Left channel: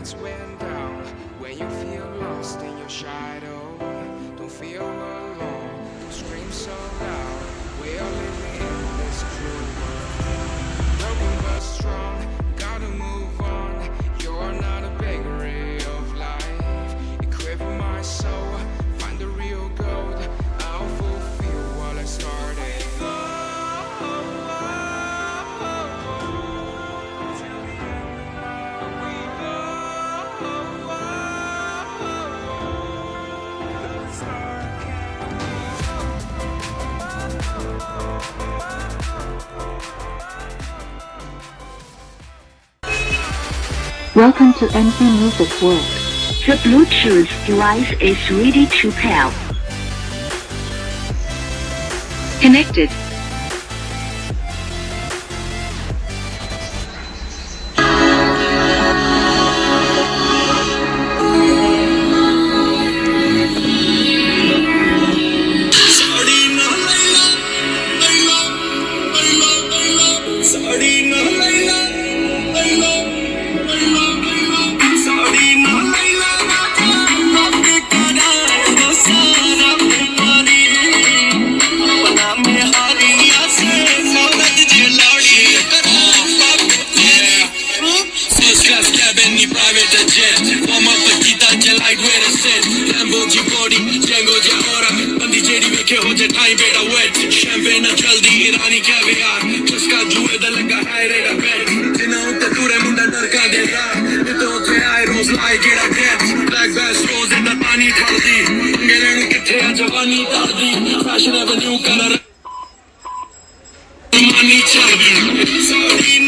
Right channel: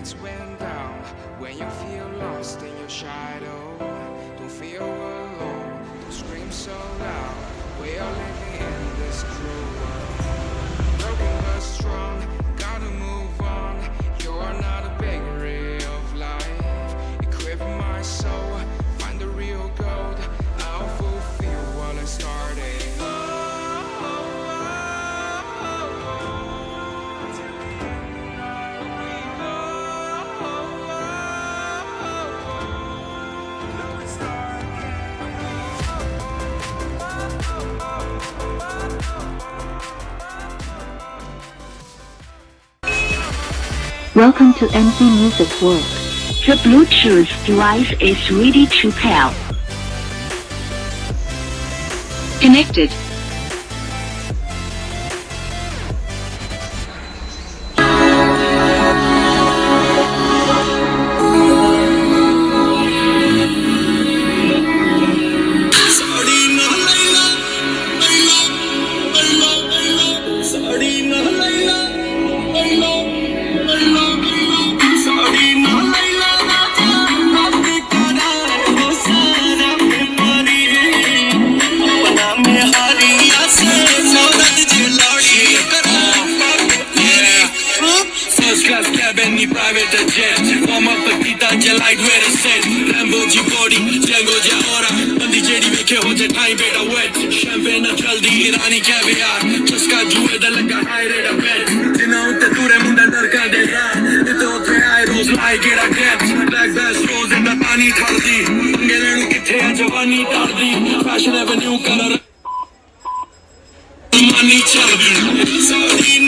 lights went down. When you feel lost in your shadow, don't feel alone, don't scream so loud. We are living in this cruel world, broken but strong, gotta move on. You're not a bakery of life, equip my soul, find the real gold. I'll fulfill what I started. Welcome to MP Music World. The Bluetooth device is ready to pair. Connected. Private jet, warm up the guitar, like where it's set. Lambo ji body, Django ja aura. Bandi jedi vekhe ho ja time beta wet. Champagne na jaldi, Irani caviar. Jiska juwe da laga high rate of bet. Jina utte dure munda dar ka de ra. Ito the I rose like it a get. Black bass rose in the pani thardi. Ngelenu kithe a jawani tardi. Fashion avenue color. Money chaldi.